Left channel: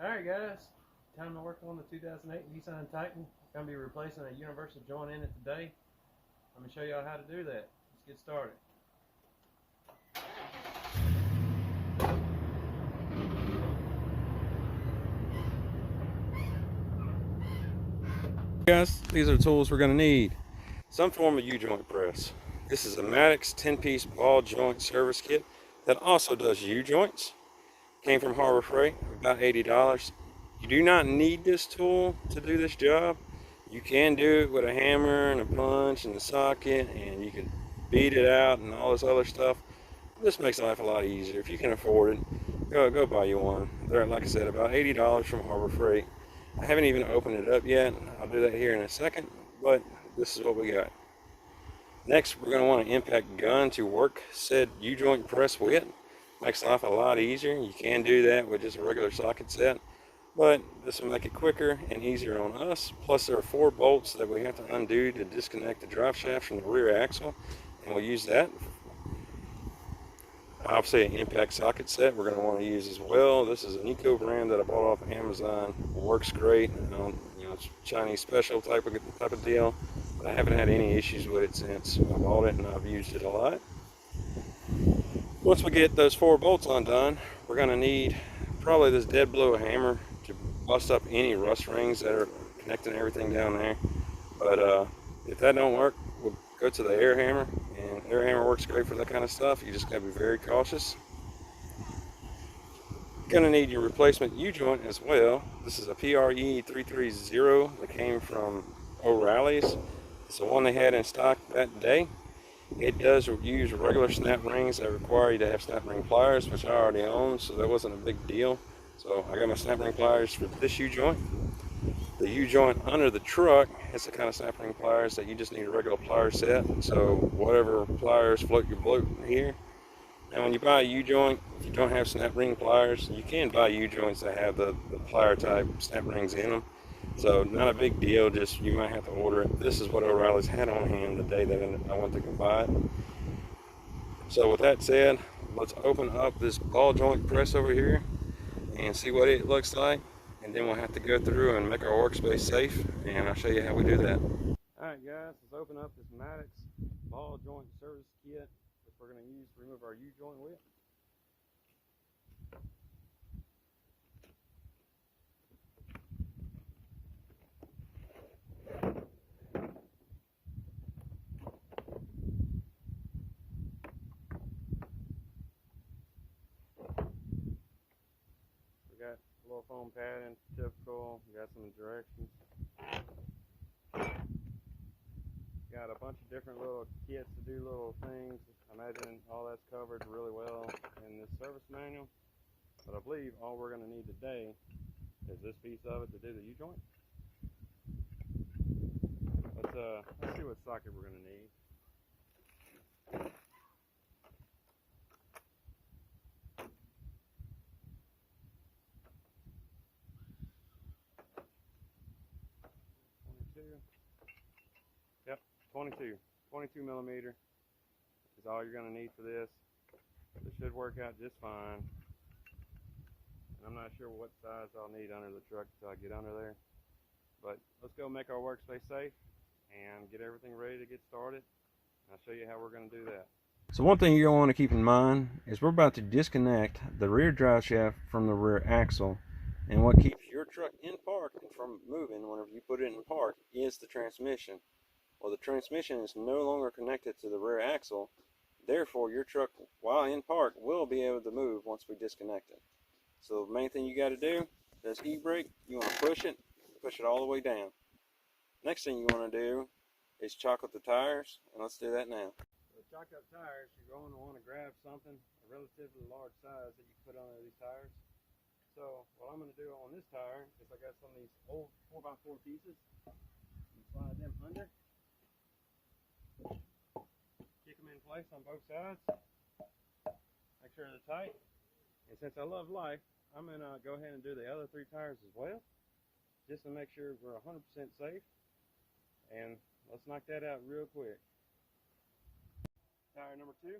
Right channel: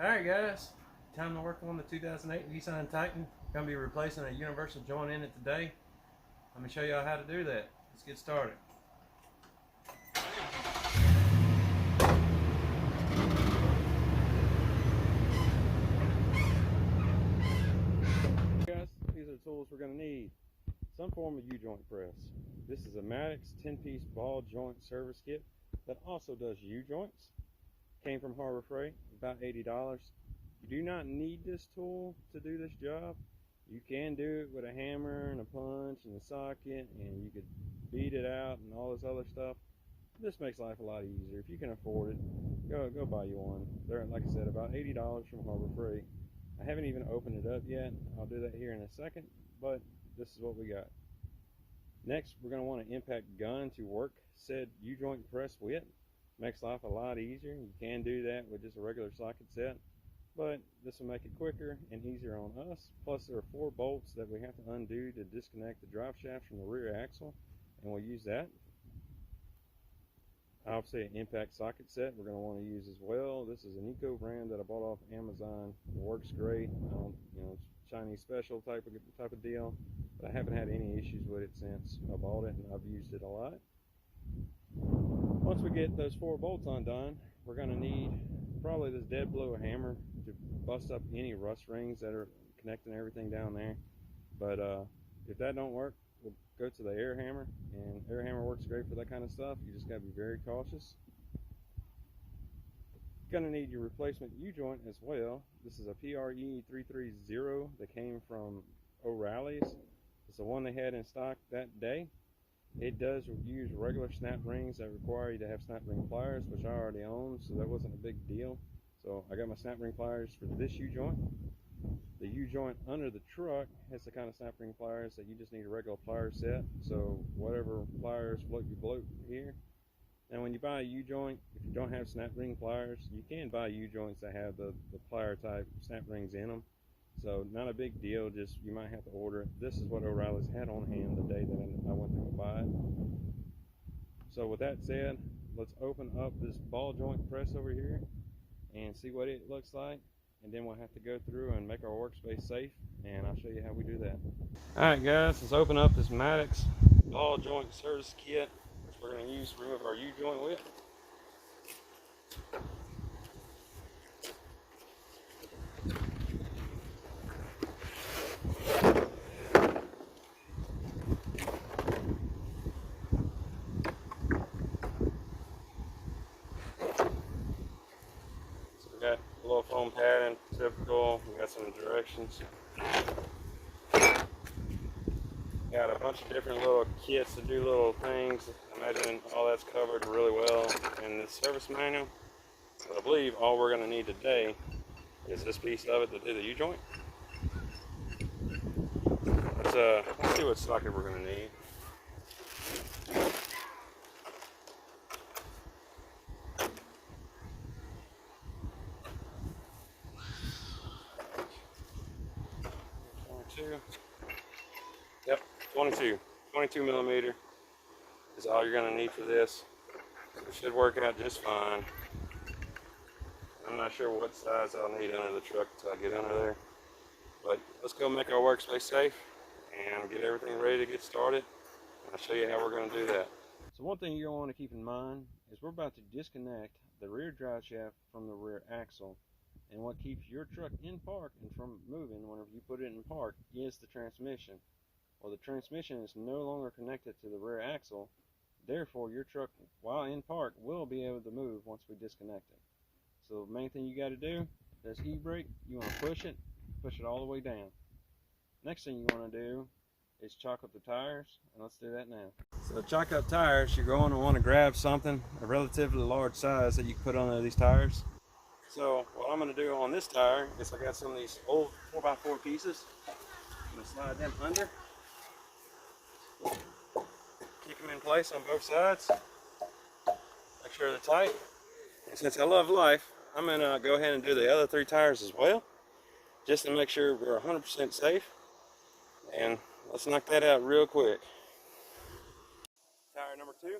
Alright guys, time to work on the 2008 Nissan Titan. Going to be replacing a universal joint in it today. Let me show y'all how to do that. Let's get started. Guys, these are the tools we're going to need. Some form of U-joint press. This is a Maddox 10-piece ball joint service kit that also does U-joints. Came from Harbor Freight, about $80. You do not need this tool to do this job. You can do it with a hammer and a punch and a socket, and you can beat it out and all this other stuff. This makes life a lot easier. If you can afford it, go buy you one. They're, like I said, about $80 from Harbor Freight. I haven't even opened it up yet. I'll do that here in a second, but this is what we got. Next, we're going to want an impact gun to work said U-joint press with. Makes life a lot easier. You can do that with just a regular socket set, but this will make it quicker and easier on us. Plus, there are 4 bolts that we have to undo to disconnect the drive shaft from the rear axle, and we'll use that. Obviously, an impact socket set we're going to want to use as well. This is an Eco brand that I bought off Amazon. It works great. It's Chinese special type of deal, but I haven't had any issues with it since I bought it, and I've used it a lot. Once we get those 4 bolts undone, we're going to need probably this dead blow hammer to bust up any rust rings that are connecting everything down there. But if that don't work, we'll go to the air hammer, and air hammer works great for that kind of stuff. You just got to be very cautious. Going to need your replacement U-joint as well. This is a PRE 330 that came from O'Reilly's. It's the one they had in stock that day. It does use regular snap rings that require you to have snap ring pliers, which I already own, so that wasn't a big deal. So I got my snap ring pliers for this U-joint. The U-joint under the truck has the kind of snap ring pliers that you just need a regular plier set. So whatever pliers float your boat here. Now when you buy a U-joint, if you don't have snap ring pliers, you can buy U-joints that have the plier type snap rings in them. So not a big deal, just you might have to order it. This is what O'Reilly's had on hand the day that I went to go buy it. So with that said, let's open up this ball joint press over here and see what it looks like. And then we'll have to go through and make our workspace safe, and I'll show you how we do that. Alright guys, let's open up this Maddox ball joint service kit, which we're going to use to remove our U-joint with. We got a little foam padding, typical. We got some directions. Got a bunch of different little kits to do little things. Imagine all that's covered really well in the service manual. But I believe all we're going to need today is this piece of it to do the U-joint. Let's see what socket we're going to need. Yep, 22 millimeter is all you're going to need for this. It should work out just fine. I'm not sure what size I'll need under the truck until I get under there. But let's go make our workspace safe and get everything ready to get started. I'll show you how we're going to do that. So one thing you're going to want to keep in mind is we're about to disconnect the rear drive shaft from the rear axle. And what keeps your truck in park and from moving whenever you put it in park is the transmission. Well, the transmission is no longer connected to the rear axle. Therefore, your truck, while in park, will be able to move once we disconnect it. So the main thing you got to do, this e-brake, you want to push it all the way down. Next thing you want to do is chock up the tires, and let's do that now. So chock up tires, you're going to want to grab something, a relatively large size that you can put on these tires. So what I'm going to do on this tire is I got some of these old 4x4 pieces. I'm going to slide them under. Keep them in place on both sides. Make sure they're tight. And since I love life, I'm going to go ahead and do the other 3 tires as well, just to make sure we're 100% safe. And let's knock that out real quick. Tire number 2.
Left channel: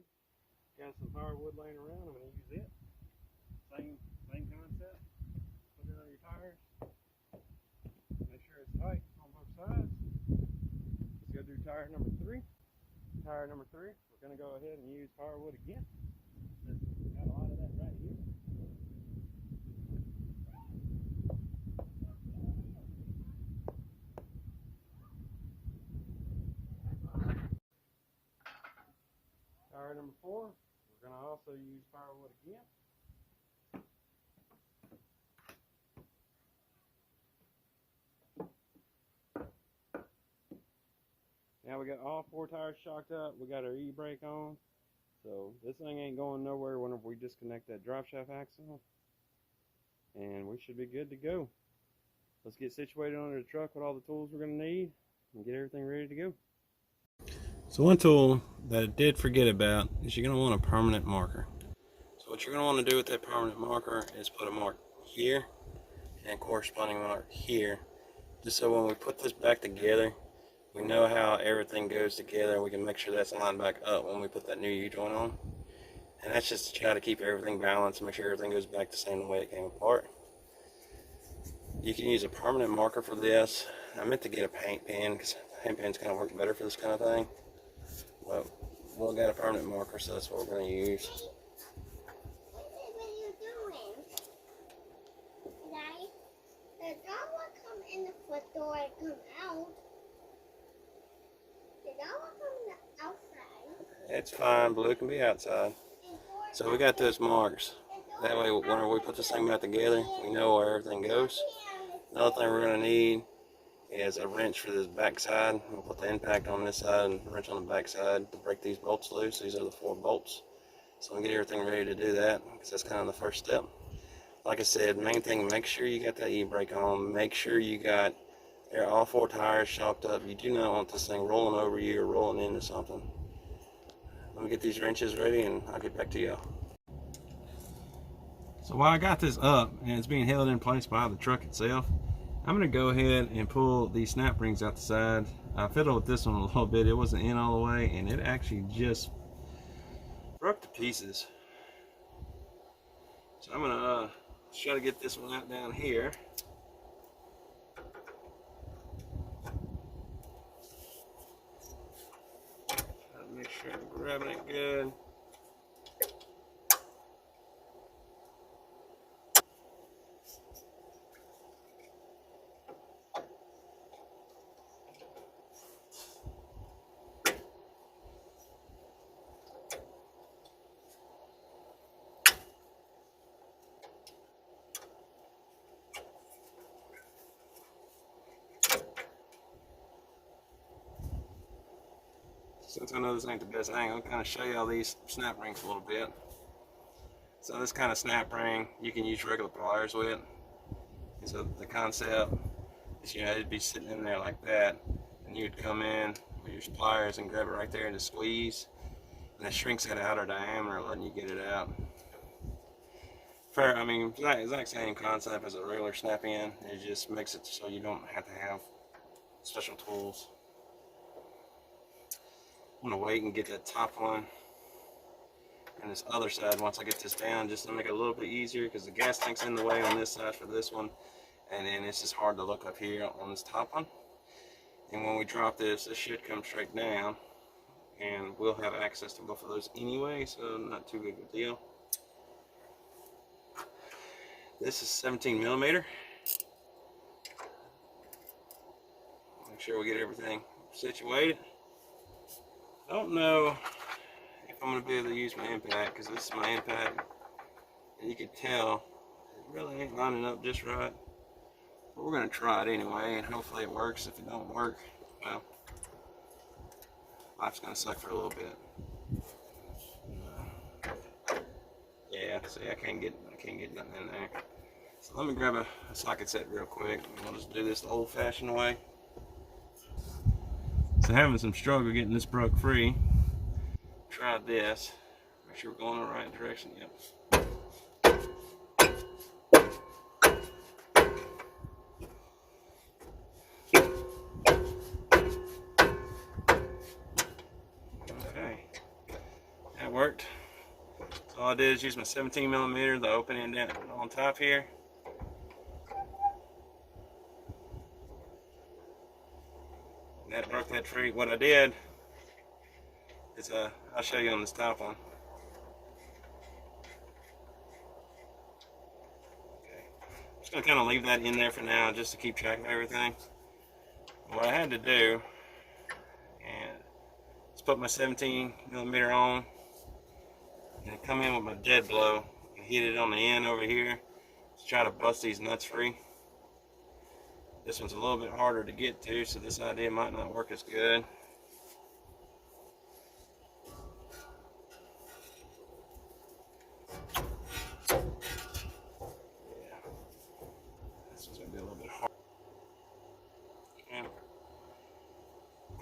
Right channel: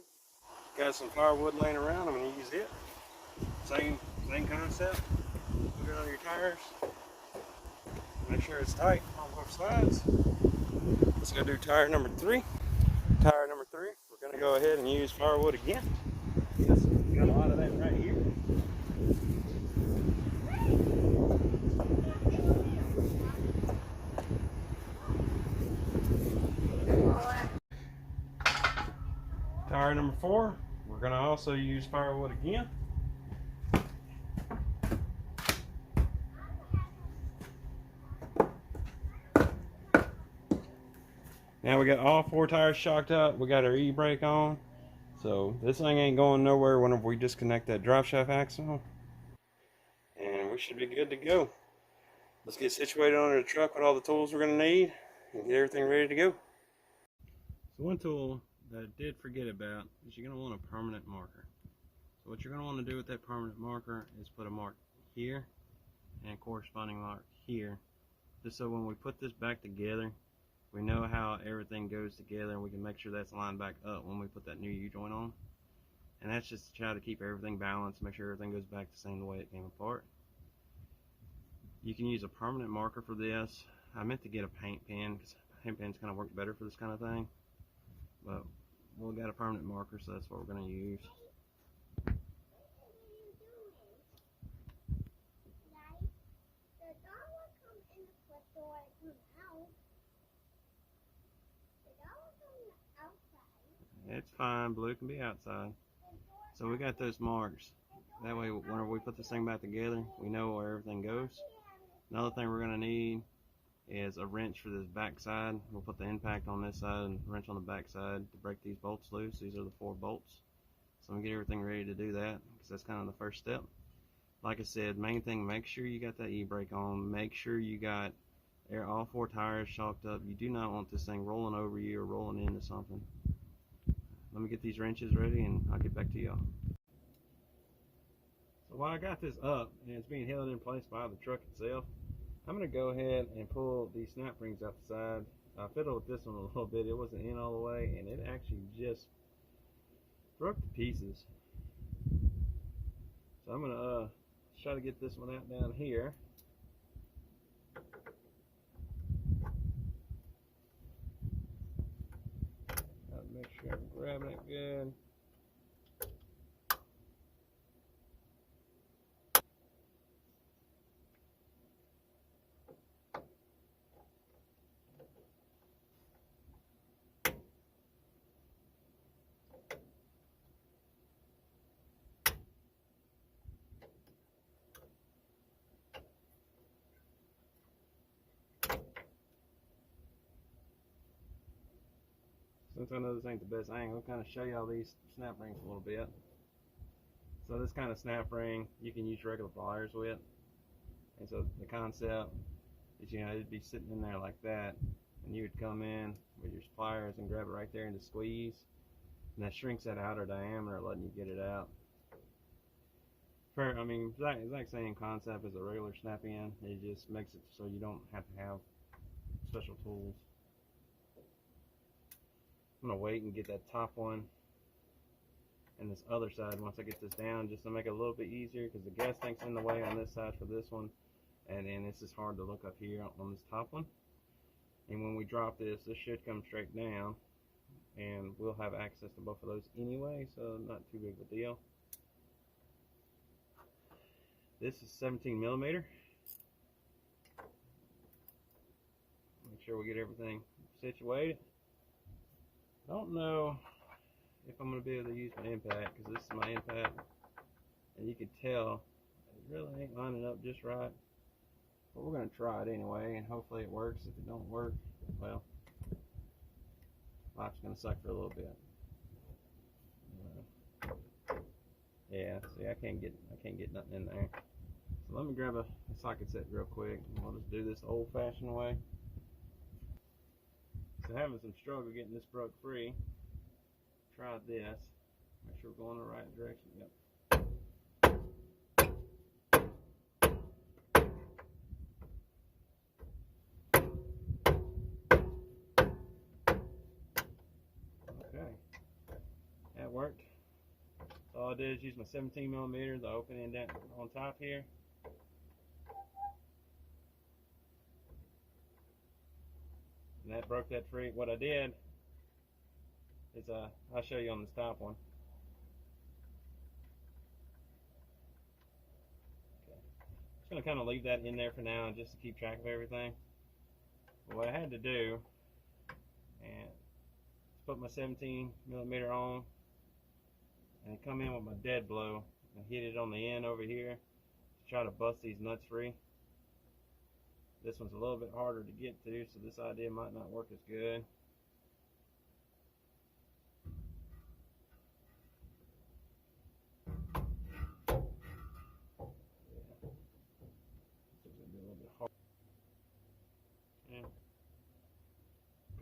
Got some firewood laying around. I'm going to use it. Same concept. Put it on your tires. Make sure it's tight on both sides. Let's go do tire number 3. Tire number 3, we're going to go ahead and use firewood again. Yes, got a lot of that right here. Tire number 4, we're going to also use firewood again. Now we got all 4 tires shocked up. We got our e-brake on. So this thing ain't going nowhere whenever we disconnect that drive shaft axle. And we should be good to go. Let's get situated under the truck with all the tools we're going to need and get everything ready to go. So one tool that I did forget about is you're going to want a permanent marker. So what you're going to want to do with that permanent marker is put a mark here and a corresponding mark here. Just so when we put this back together, we know how everything goes together and we can make sure that's lined back up when we put that new U-joint on. And that's just to try to keep everything balanced and make sure everything goes back the same way it came apart. You can use a permanent marker for this. I meant to get a paint pen because paint pens kind of work better for this kind of thing. But we'll get a permanent marker, so that's what we're going to use. What are you doing? Right? The dog will come in the front door and come out. The dog will come in the outside. It's fine, Blue can be outside. So we got those marks. That way, whenever we put this thing back together, we know where everything goes. Another thing we're going to need is a wrench for this back side. We'll put the impact on this side and a wrench on the back side to break these bolts loose. These are the 4 bolts. So we'll get everything ready to do that because that's kind of the first step. Like I said, main thing, make sure you got that e-brake on. Make sure you got all 4 tires shocked up. You do not want this thing rolling over you or rolling into something. Let me get these wrenches ready and I'll get back to y'all. So while I got this up and it's being held in place by the truck itself, I'm going to go ahead and pull these snap rings out the side. I fiddled with this one a little bit. It wasn't in all the way and it actually just broke to pieces. So I'm going to try to get this one out down here. Try to make sure I'm grabbing it good. Since I know this ain't the best angle, I'll kind of show you all these snap rings a little bit. So this kind of snap ring, you can use regular pliers with. And so the concept is, you know, it'd be sitting in there like that, and you would come in with your pliers and grab it right there and just squeeze, and that shrinks that outer diameter, letting you get it out. I mean, exact same concept as a regular snap in. It just makes it so you don't have to have special tools. I'm gonna wait and get that top one and this other side once I get this down, just to make it a little bit easier, because the gas tank's in the way on this side for this one, and then it's just hard to look up here on this top one. And when we drop this, this should come straight down, and we'll have access to both of those anyway, so not too big of a deal. This is 17 millimeter. Make sure we get everything situated. I don't know if I'm going to be able to use my impact, because this is my impact, and you can tell it really ain't lining up just right. But we're going to try it anyway, and hopefully it works. If it don't work, well, life's going to suck for a little bit. Yeah, see, I can't get nothing in there. So let me grab a socket set real quick, and we'll just do this the old-fashioned way. So having some struggle getting this broke free. Tried this. Make sure we're going in the right direction. Yep. Okay, that worked. So all I did is use my 17 millimeter, the opening down on top here. free. What I did is, I'll show you on this top one. Okay. I'm just gonna kind of leave that in there for now, just to keep track of everything. What I had to do, and just put my 17mm on, and come in with my dead blow and hit it on the end over here to try to bust these nuts free. This one's a little bit harder to get to, so this idea might not work as good. Yeah. This one's gonna be a little bit hard. Yeah.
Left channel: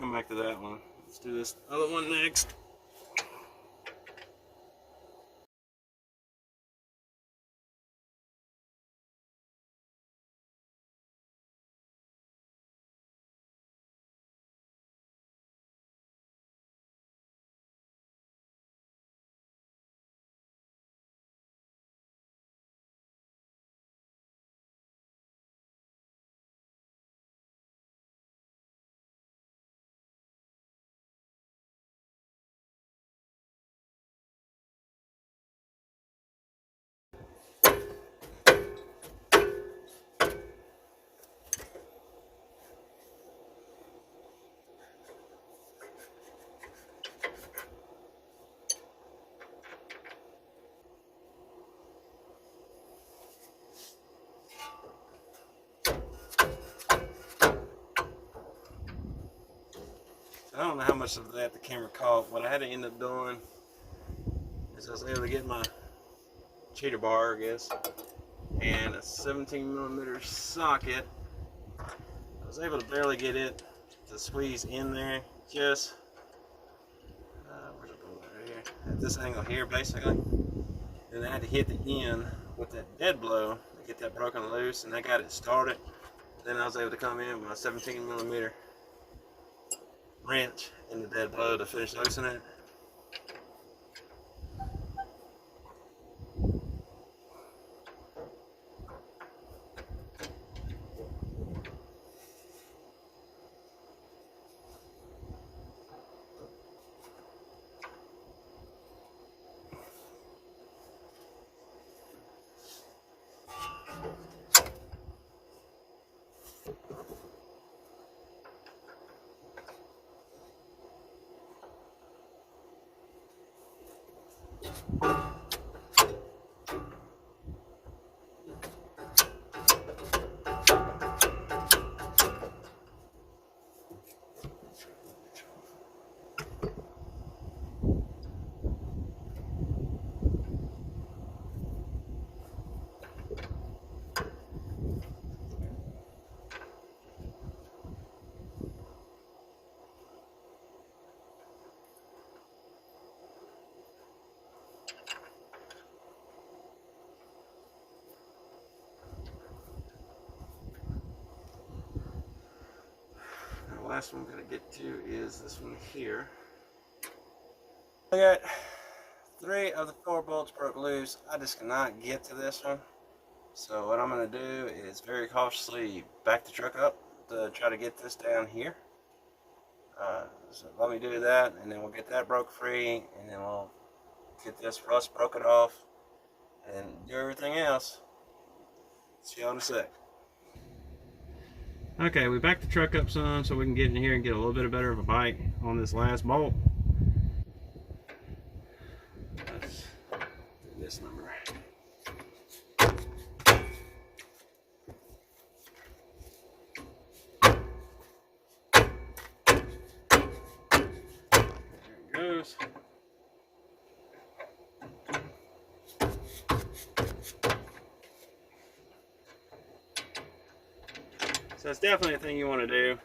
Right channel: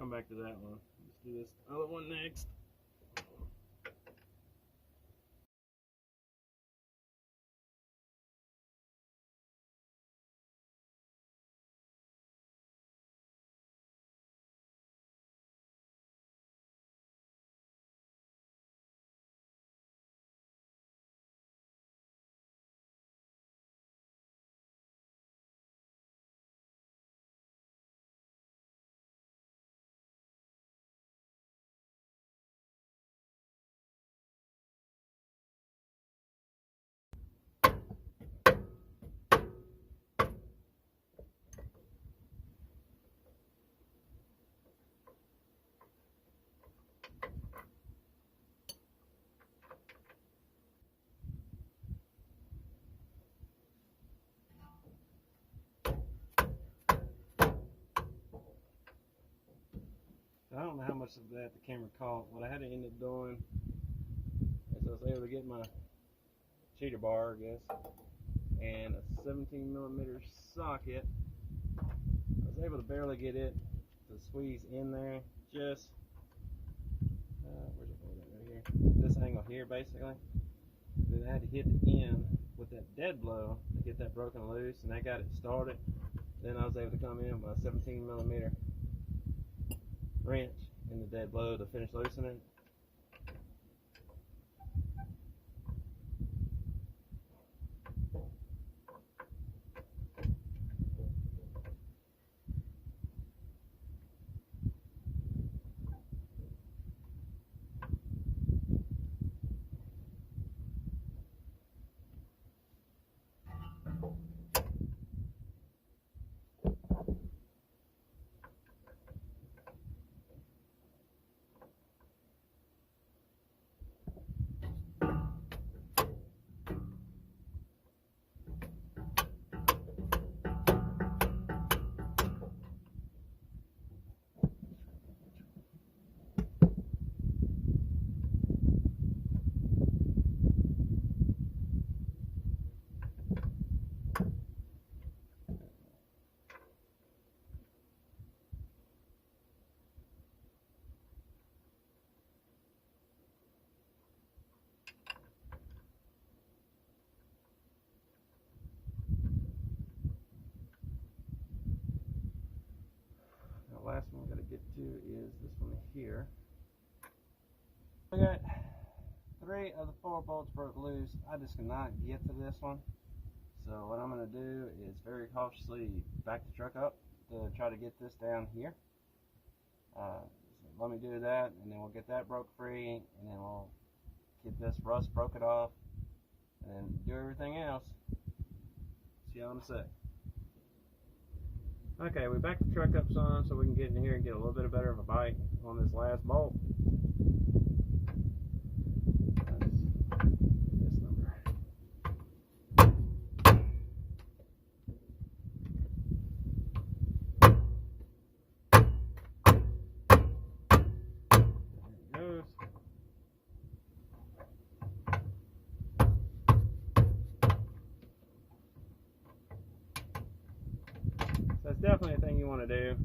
Come back to that one. Let's do this other one next. I don't know how much of that the camera caught. What I had to end up doing is I was able to get my cheater bar, I guess, and a 17mm socket. I was able to barely get it to squeeze in there, just where's it going right here? At this angle here, basically. Then I had to hit the end with that dead blow to get that broken loose, and I got it started. Then I was able to come in with a 17mm wrench in the dead blow to finish loosening it. The last one I'm going to get to is this one here. I got 3 of the 4 bolts broke loose. I just cannot get to this one. So what I'm going to do is very cautiously back the truck up to try to get this down here. So let me do that, and then we'll get that broke free, and then we'll get this rust broken off and do everything else. See you in a sec. Okay, we backed the truck up some so we can get in here and get a little bit better of a bite on this last bolt. That's this number. There it goes. So it's definitely a thing you want to do.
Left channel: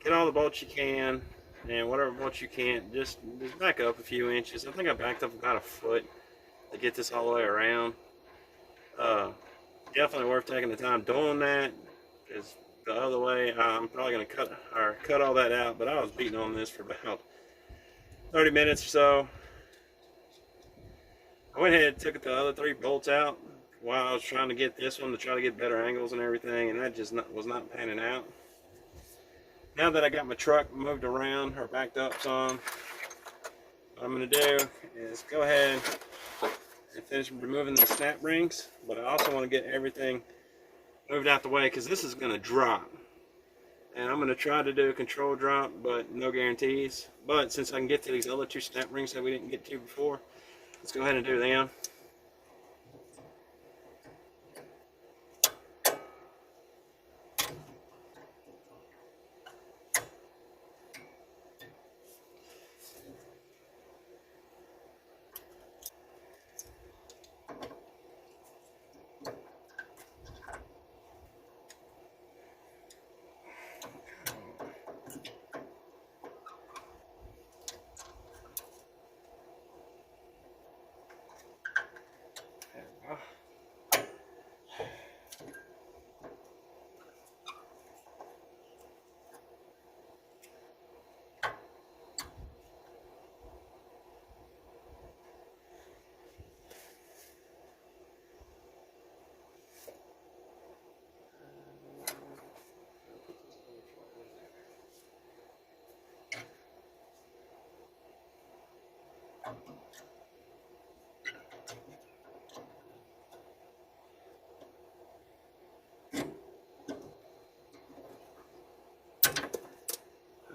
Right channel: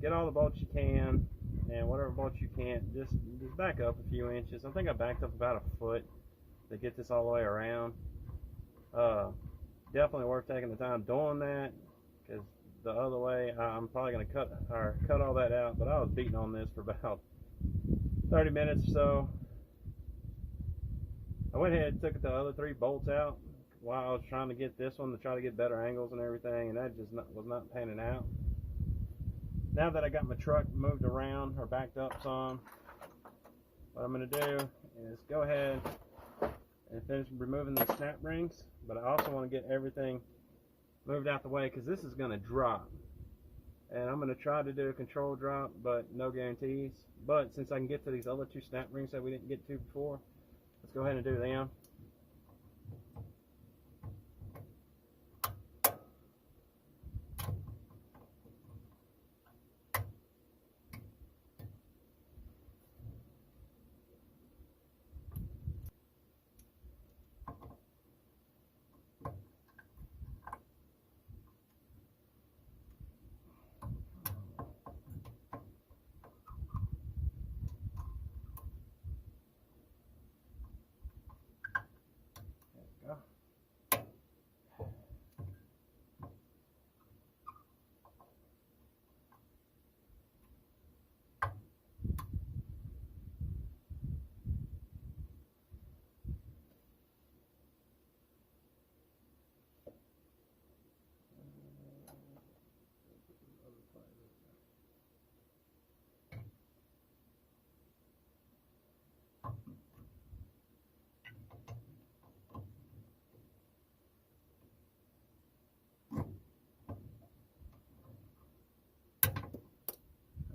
Get all the bolts you can, and whatever bolts you can't, just back up a few inches. I think I backed up about a foot to get this all the way around. Definitely worth taking the time doing that, because the other way I'm probably going to cut all that out. But I was beating on this for about 30 minutes or so. I went ahead and took the other 3 bolts out while I was trying to get this one to try to get better angles and everything, and that just was not panning out. now that I got my truck moved around or backed up some, what I'm going to do is go ahead and finish removing the snap rings, but I also want to get everything moved out the way because this is going to drop. And I'm going to try to do a control drop, but no guarantees. But since I can get to these other two snap rings that we didn't get to before, let's go ahead and do them.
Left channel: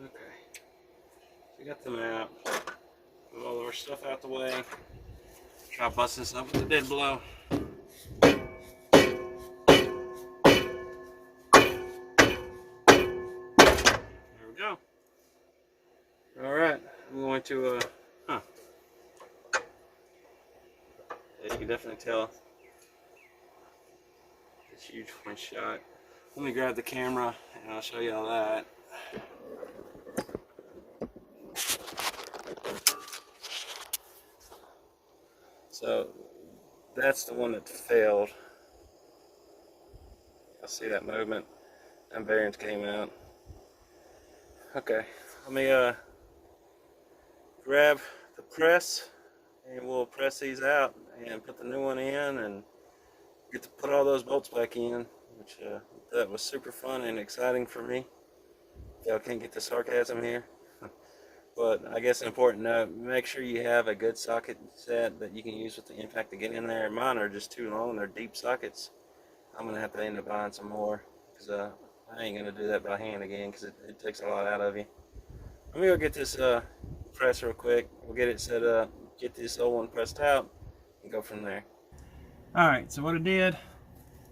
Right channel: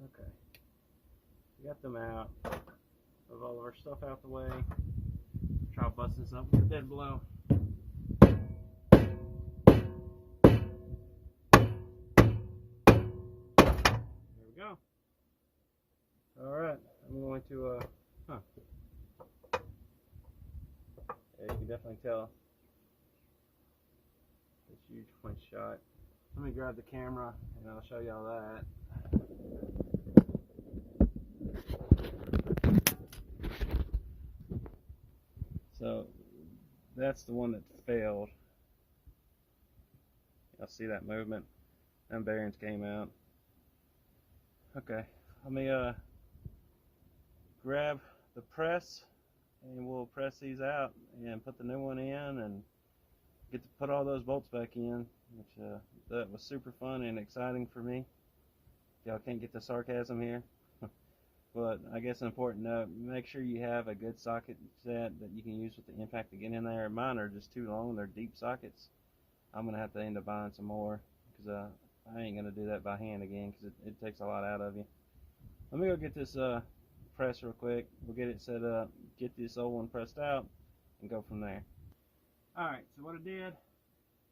Okay, so we got them out. Move all of our stuff out the way. Try to bust this up with the dead blow. There we go. Alright, I'm going to, yeah, you can definitely tell it's huge one shot. Let me grab the camera and I'll show you all that. So that's the one that failed. I see that movement. Them bearings came out. Okay, let me grab the press and we'll press these out and put the new one in and get to put all those bolts back in, which that was super fun and exciting for me. Y'all can't get the sarcasm here. But I guess an important note, make sure you have a good socket set that you can use with the impact to get in there. Mine are just too long, they're deep sockets. I'm going to have to end up buying some more because I ain't going to do that by hand again because it takes a lot out of you. Let me go get this press real quick. We'll get it set up, get this old one pressed out, and go from there. Alright, so what I did,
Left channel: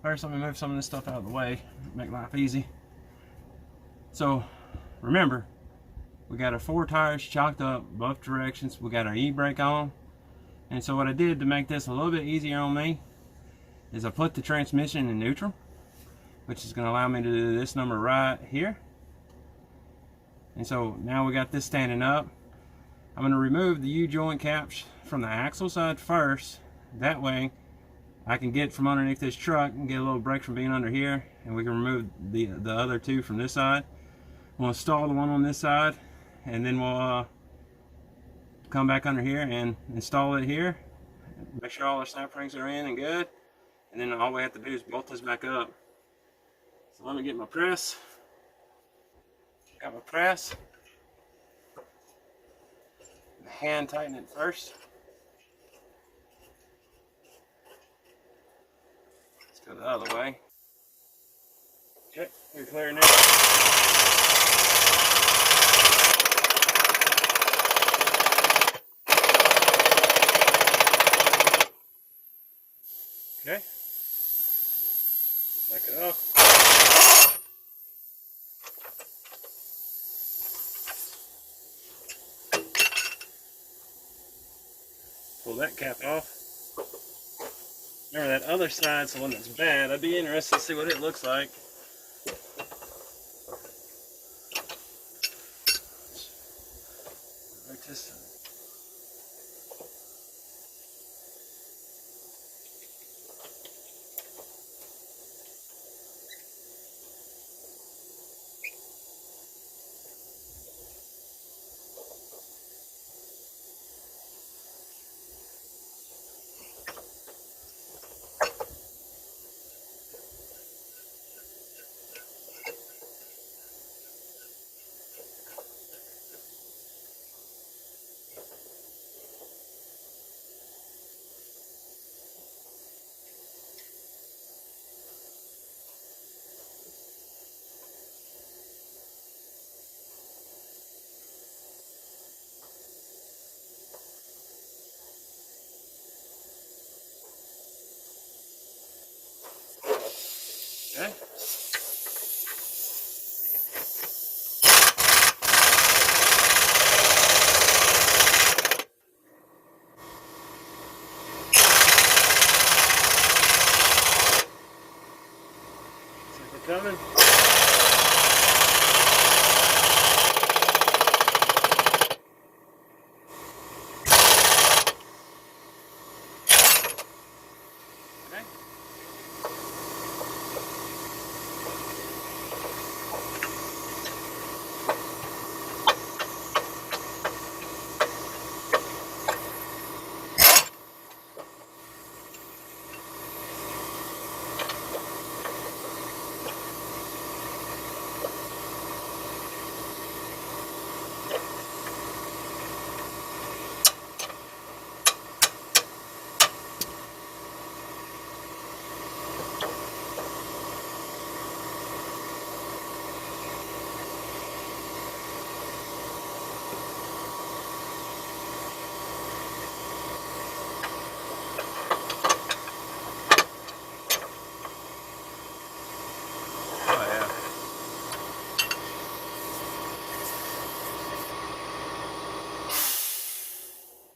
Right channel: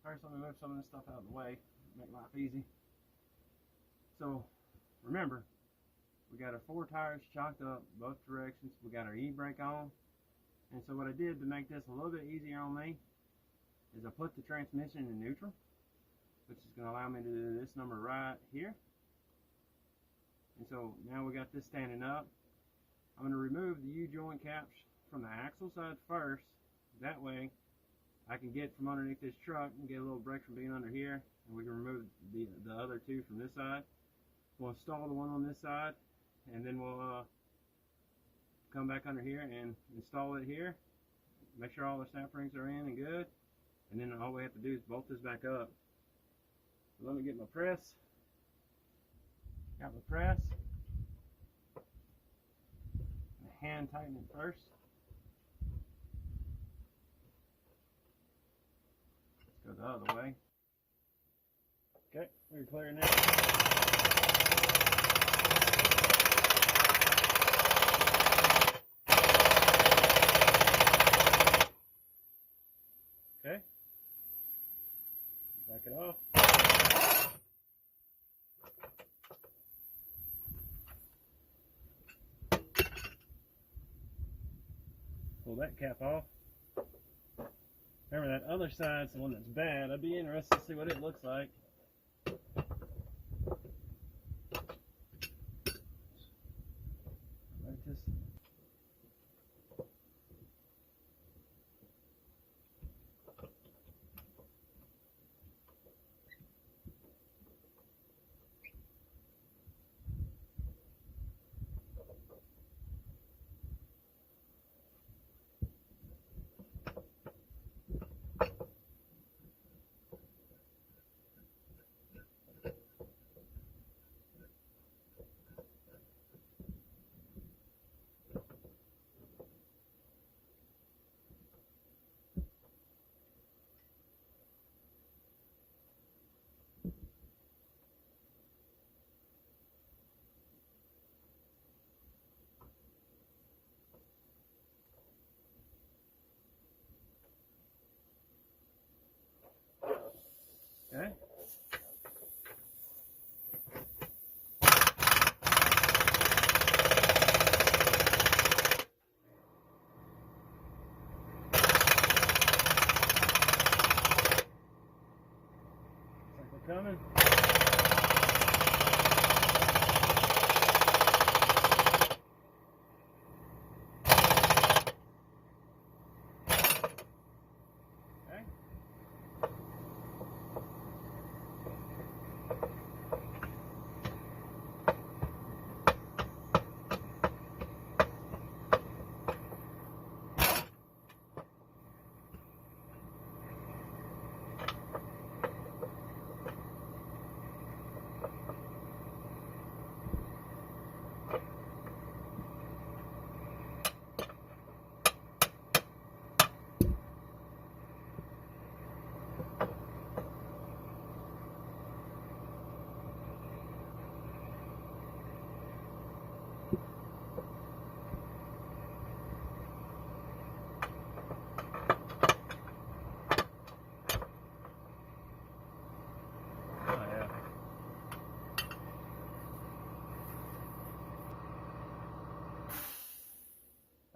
first let me move some of this stuff out of the way, make life easy. So remember, we got our 4 tires chalked up both directions. We got our e-brake on. And so what I did to make this a little bit easier on me is I put the transmission in neutral, which is going to allow me to do this number right here. And so now we got this standing up. I'm going to remove the U-joint caps from the axle side first. That way I can get from underneath this truck and get a little brake from being under here, and we can remove the other 2 from this side. We'll install the one on this side, and then we'll come back under here and install it here. Make sure all our snap rings are in and good, and then all we have to do is bolt this back up. So let me get my press. Got my press. Hand tighten it first. Let's go the other way. Okay, we're clear now. Okay, back it off. Pull that cap off. Remember that other side's the one that's bad. I'd be interested to see what it looks like. Like this.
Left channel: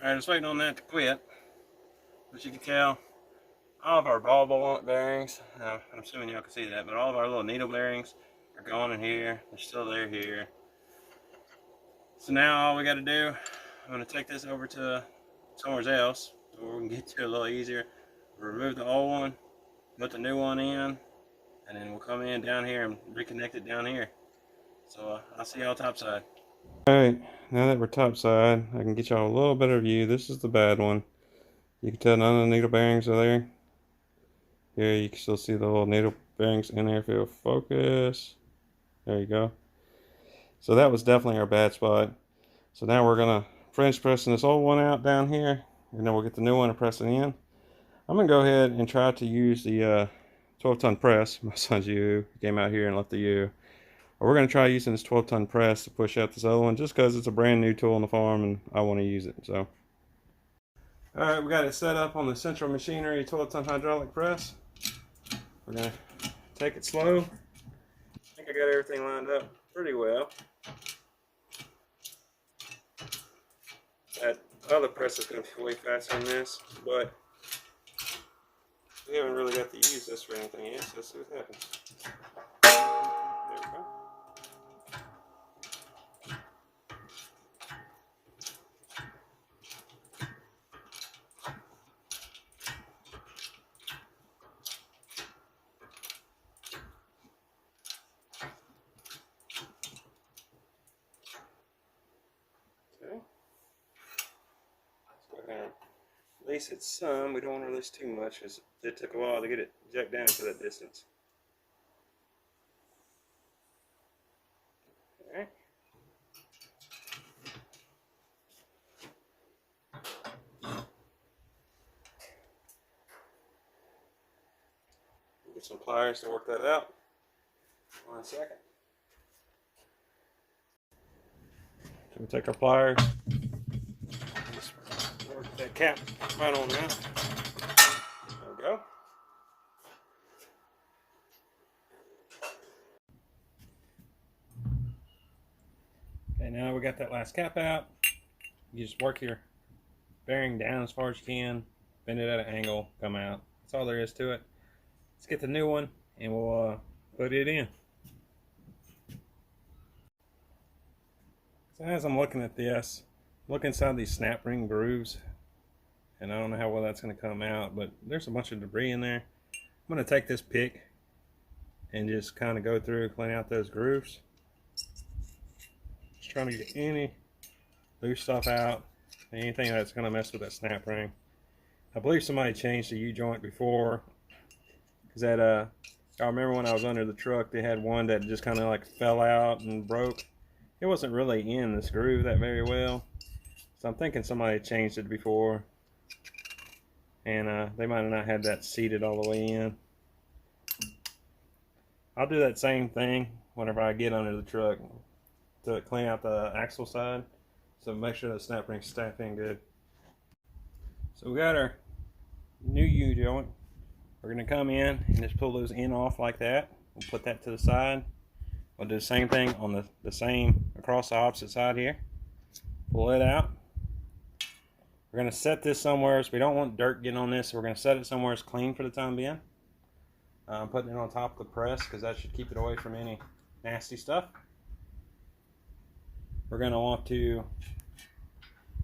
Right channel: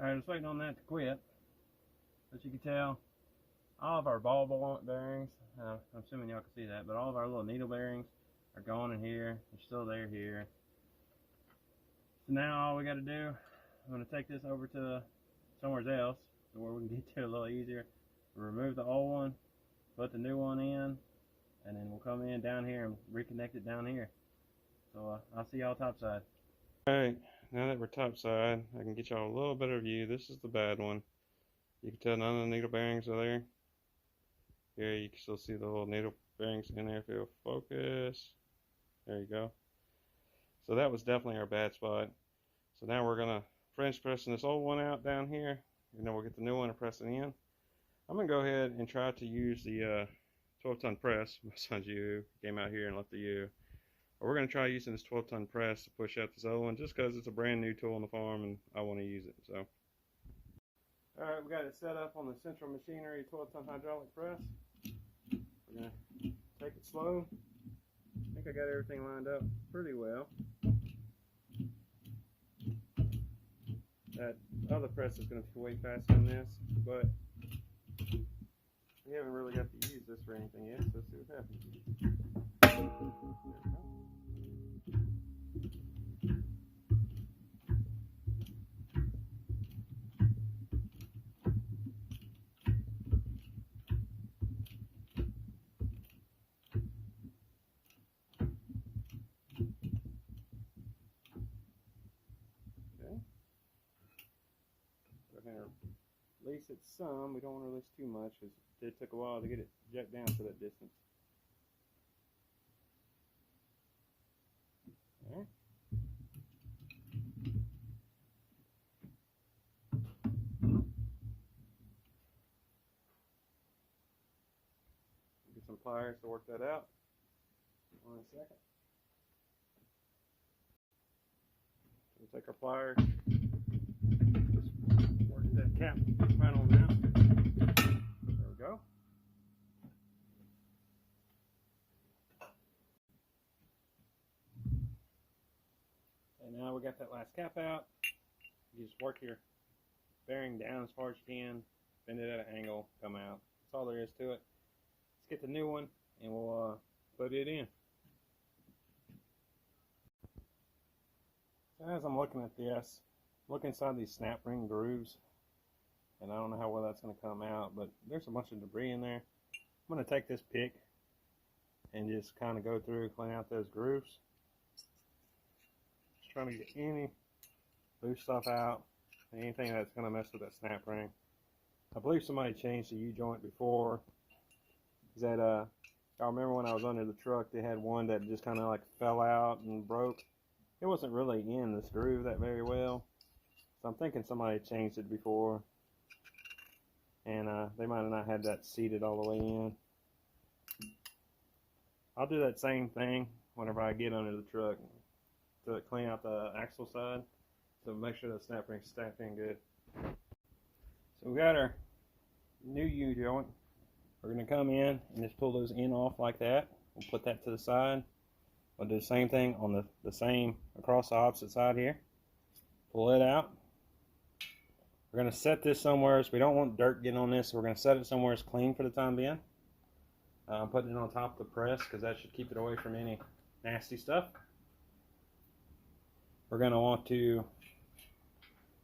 Alright, just waiting on that to quit. But you can tell all of our ball bearings, I'm assuming y'all can see that, but all of our little needle bearings are gone in here. They're still there here. So now all we got to do, I'm going to take this over to somewhere else where we can get to it a little easier. Remove the old one, put the new one in, and then we'll come in down here and reconnect it down here. So I'll see y'all topside. Alright, now that we're topside, I can get y'all a little better view. This is the bad one. You can tell none of the needle bearings are there. Here you can still see the little needle bearings in there if it'll focus. There you go. So that was definitely our bad spot. So now we're gonna French pressing this old one out down here, and then we'll get the new one and press it in. I'm gonna go ahead and try to use the 12-ton press. My son's U came out here and left the U. But we're gonna try using this 12-ton press to push out this other one, just because it's a brand new tool on the farm and I want to use it. So, all right, we got it set up on the Central Machinery 12-ton hydraulic press. We're gonna take it slow. I think I got everything lined up pretty well. That other press is going to be way faster than this, but we haven't really got to use this for anything yet, so let's see what happens. There we go. Release it some. We don't want to release too much because it took a while to get it jacked down to that distance. Alright. Get some pliers to work that out. 1 second. So we take our pliers. Work that cap right on out. There we go. Okay, now we got that last cap out. You just work your bearing down as far as you can, bend it at an angle, come out. That's all there is to it. Let's get the new one and we'll put it in. So as I'm looking at this, look inside these snap ring grooves, and I don't know how well that's going to come out, but there's a bunch of debris in there. I'm going to take this pick and just kind of go through, clean out those grooves. Just trying to get any loose stuff out, anything that's going to mess with that snap ring. I believe somebody changed the U-joint before, because that y'all remember when I was under the truck, they had one that just kind of like fell out and broke. It wasn't really in this groove that very well. So I'm thinking somebody changed it before, and they might have not had that seated all the way in. I'll do that same thing whenever I get under the truck to clean out the axle side, so make sure the snap ring's stacked in good. So we got our new U-joint. We're going to come in and just pull those in off like that. We'll put that to the side. We'll do the same thing on the same across the opposite side here. Pull it out. We're going to set this somewhere, so we don't want dirt getting on this, so we're going to set it somewhere it's clean for the time being. I'm putting it on top of the press because that should keep it away from any nasty stuff. We're going to want to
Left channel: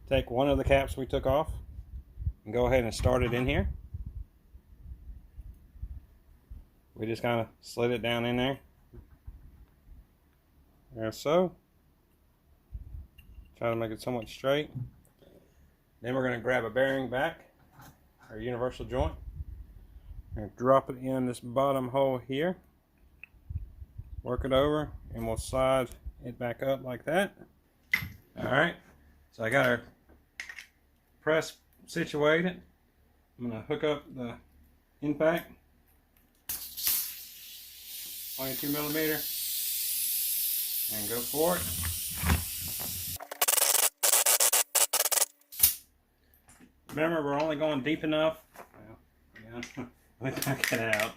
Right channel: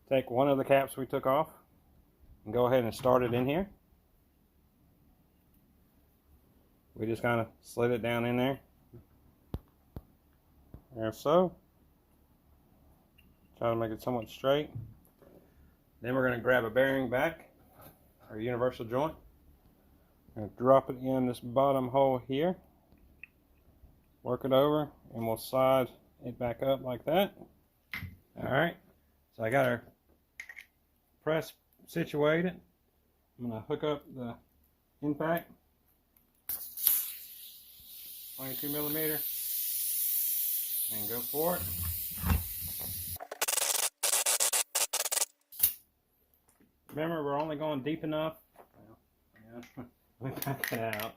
take one of the caps we took off and go ahead and start it in here. We just kind of slid it down in there. There, so. Try to make it somewhat straight. Then we're going to grab a bearing back, our universal joint, and drop it in this bottom hole here. Work it over, and we'll slide it back up like that. Alright, so I got our press situated. I'm going to hook up the impact, 22 millimeter, and go for it. Remember, we're only going deep enough. Well, yeah, let me back it out.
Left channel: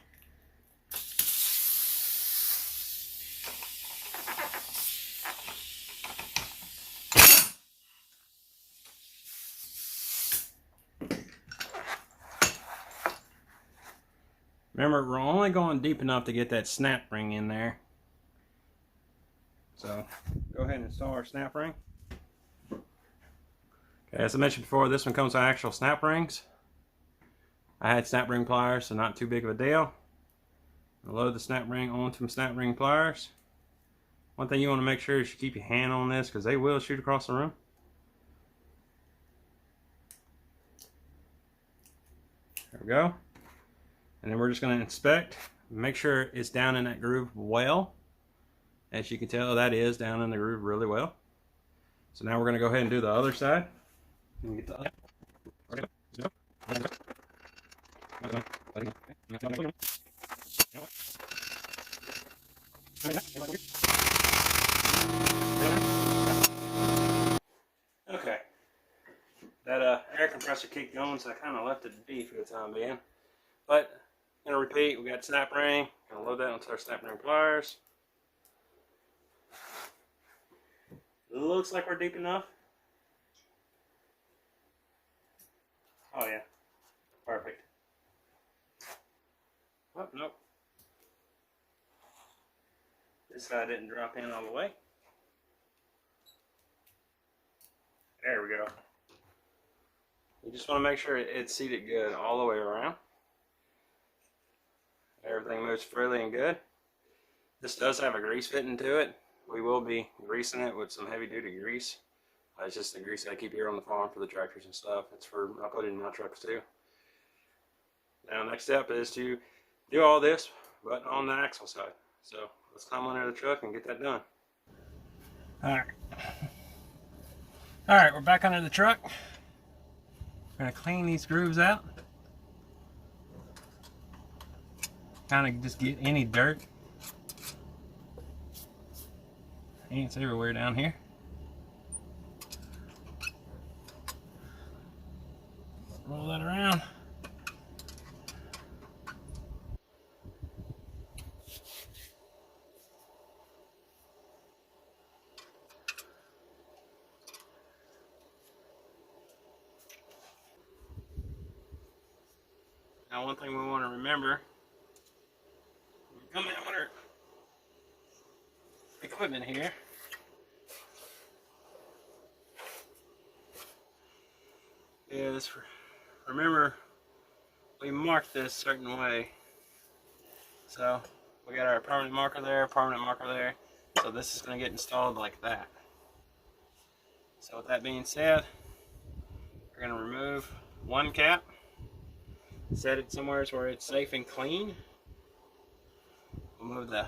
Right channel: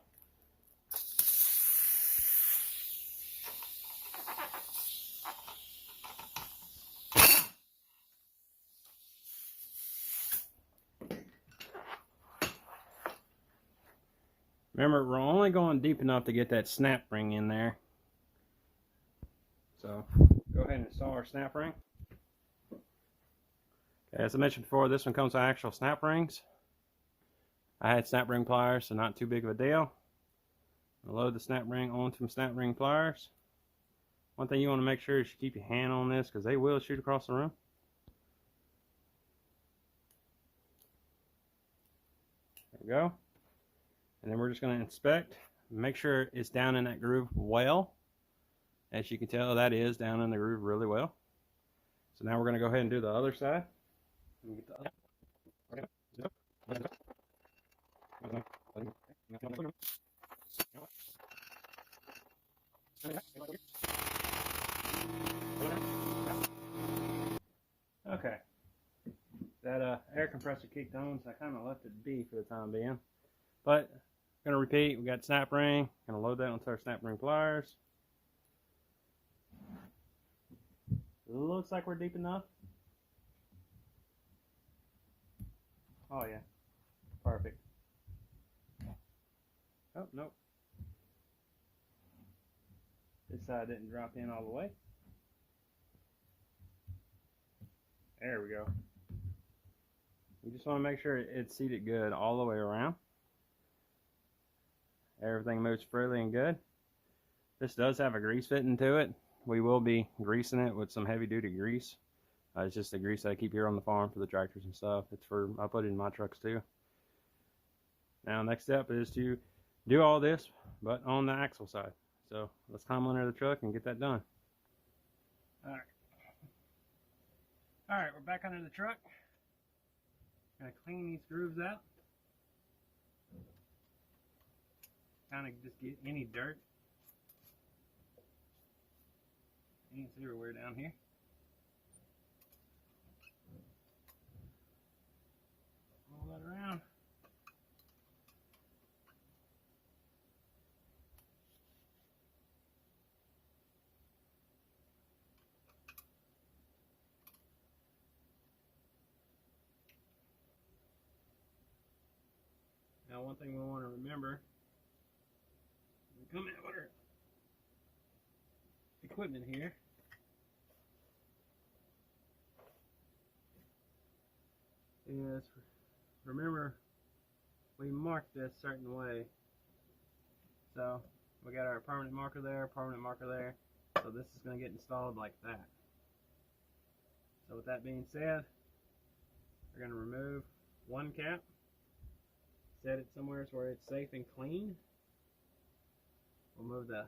Remember, we're only going deep enough to get that snap ring in there. So go ahead and install our snap ring. Okay, as I mentioned before, this one comes with actual snap rings. I had snap ring pliers, so not too big of a deal. I'll load the snap ring onto some snap ring pliers. One thing you want to make sure is you keep your hand on this because they will shoot across the room. There we go. And then we're just going to inspect, make sure it's down in that groove well. As you can tell, that is down in the groove really well. So now we're going to go ahead and do the other side. Get the other. Okay. That air compressor kicked on, so I kind of left it be for the time being. But I'm going to repeat, we got snap ring. Going to load that onto our snap ring pliers. Looks like we're deep enough. Oh yeah, perfect. Oh, nope. This side didn't drop in all the way. There we go. You just want to make sure it's seated good all the way around. Everything moves freely and good. This does have a grease fitting to it. We will be greasing it with some heavy duty grease. It's just the grease I keep here on the farm for the tractors and stuff. It's for, I put it in my trucks too. Now next step is to do all this, but on the axle side. So let's climb under the truck and get that done. Alright, we're back under the truck. We're going to clean these grooves out. Kind of just get any dirt. Ants everywhere down here. Roll that around. Now one thing we want to remember, when we come in with our equipment here, is remember we marked this certain way. So we got our permanent marker there, so this is going to get installed like that. So with that being said, we're going to remove one cap, set it somewhere where it's safe and clean. We'll remove the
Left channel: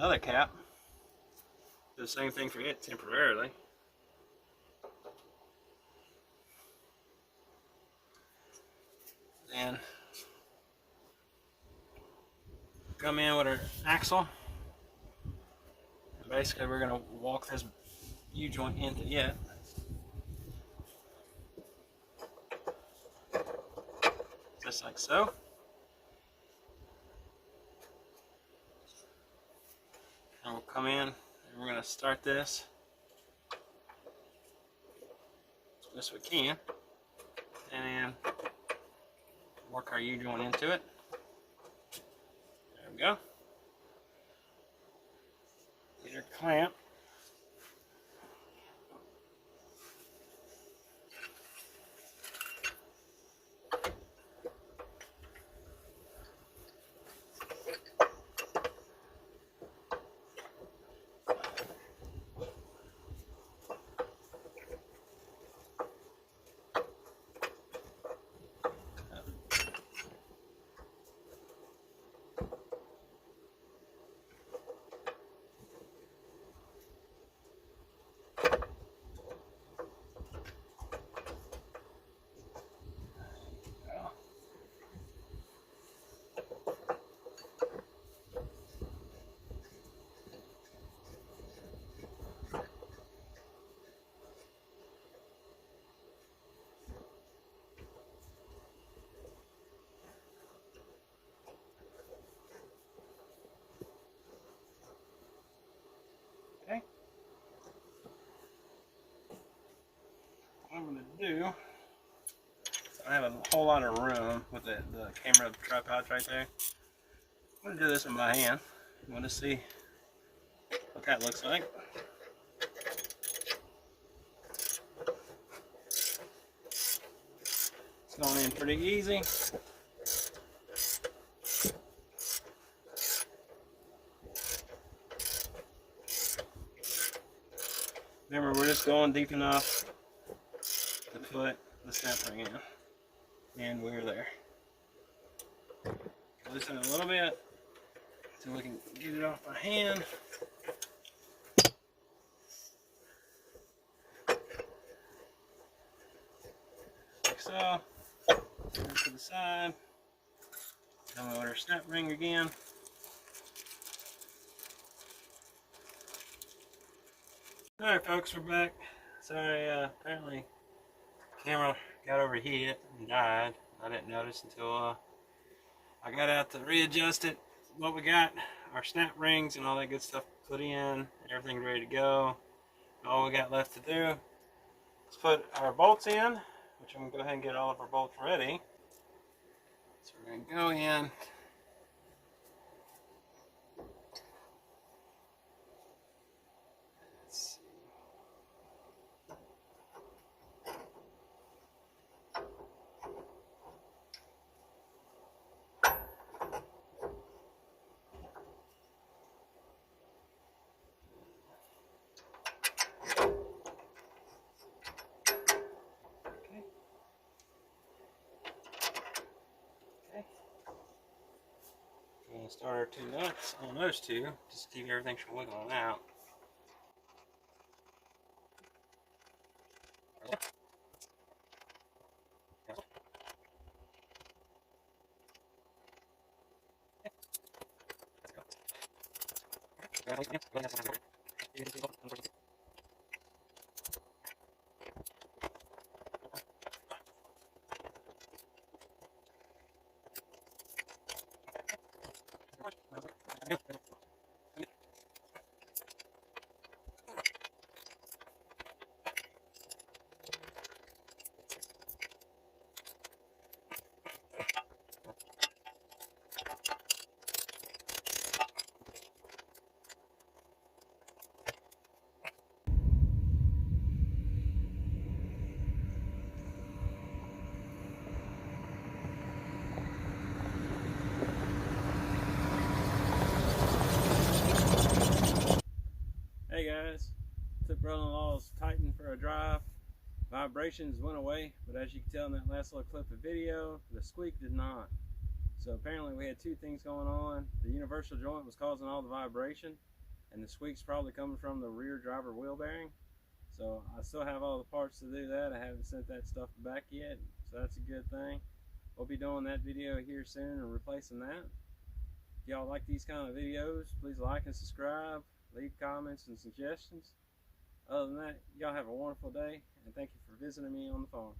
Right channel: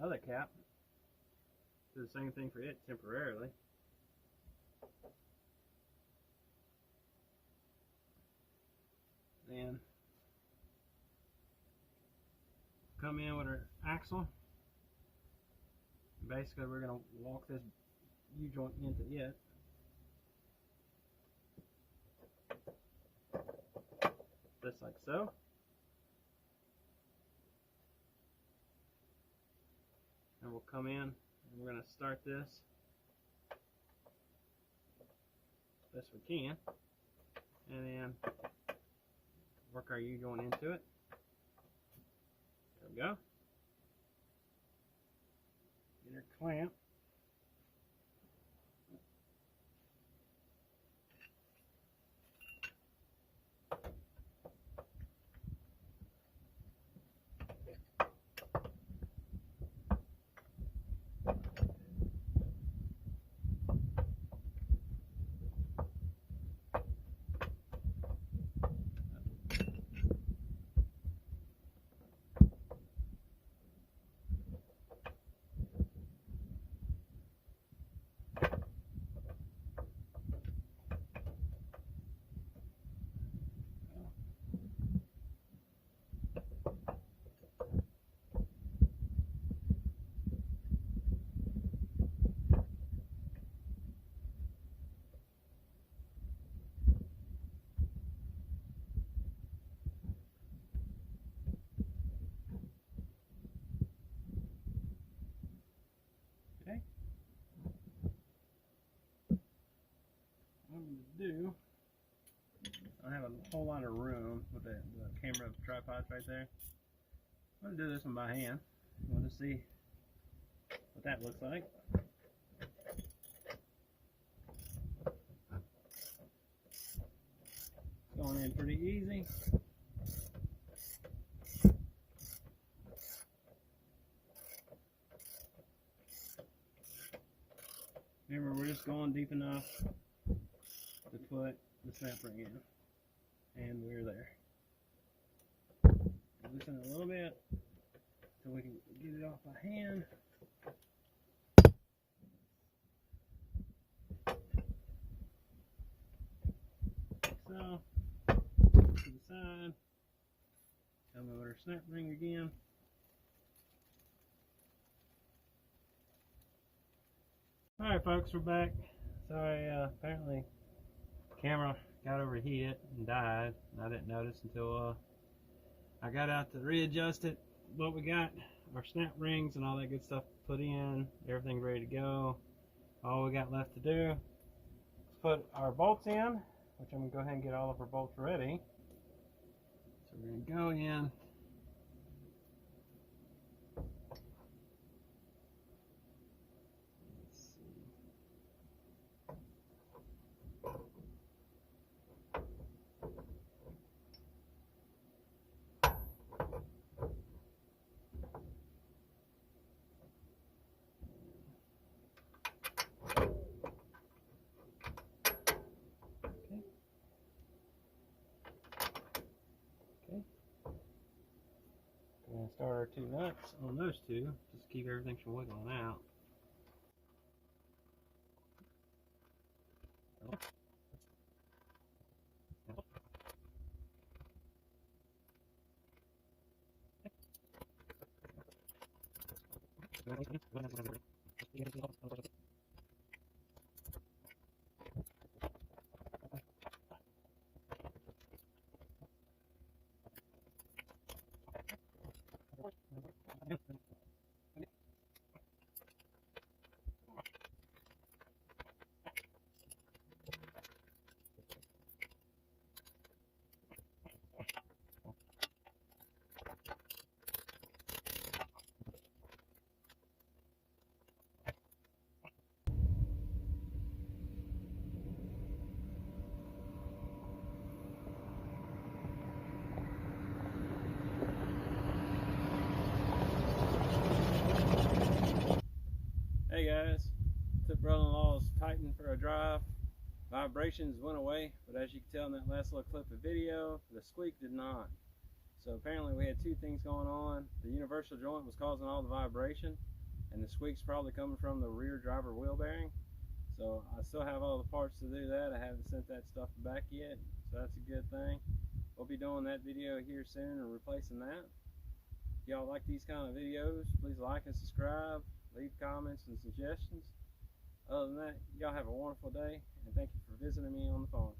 other cap, do the same thing for it temporarily. Then come in with our axle, and basically we're going to walk this U-joint into it. Just like so. And we'll come in and we're going to start this as best we can, and then work our U-joint into it. There we go. Get our clamp. Okay. What I'm going to do, I have a whole lot of room with the camera tripods right there. I'm going to do this one by hand. I want to see what that looks like. It's going in pretty easy. Remember, we're just going deep enough to put the snap ring in. And we're there. Loosen it a little bit so we can get it off my hand. Like so. To the side. Then we'll order snap ring again. Alright folks, we're back. Sorry, apparently the camera got overheated and died. I didn't notice until I got out to readjust it. What we got, our snap rings and all that good stuff put in, everything ready to go. All we got left to do is put our bolts in, which I'm going to go ahead and get all of our bolts ready. So we're going to go in. Let's see. We're going to start our two nuts on those two, just to keep everything from wiggling out. Hey guys, took brother-in-law's Titan for a drive. Vibrations went away, but as you can tell in that last little clip of video, the squeak did not. So apparently we had two things going on. The universal joint was causing all the vibration, and the squeak's probably coming from the rear driver wheel bearing. So I still have all the parts to do that. I haven't sent that stuff back yet, so that's a good thing. We'll be doing that video here soon and replacing that. If y'all like these kind of videos, please like and subscribe. Leave comments and suggestions. Other than that, y'all have a wonderful day, and thank you for visiting me on the phone.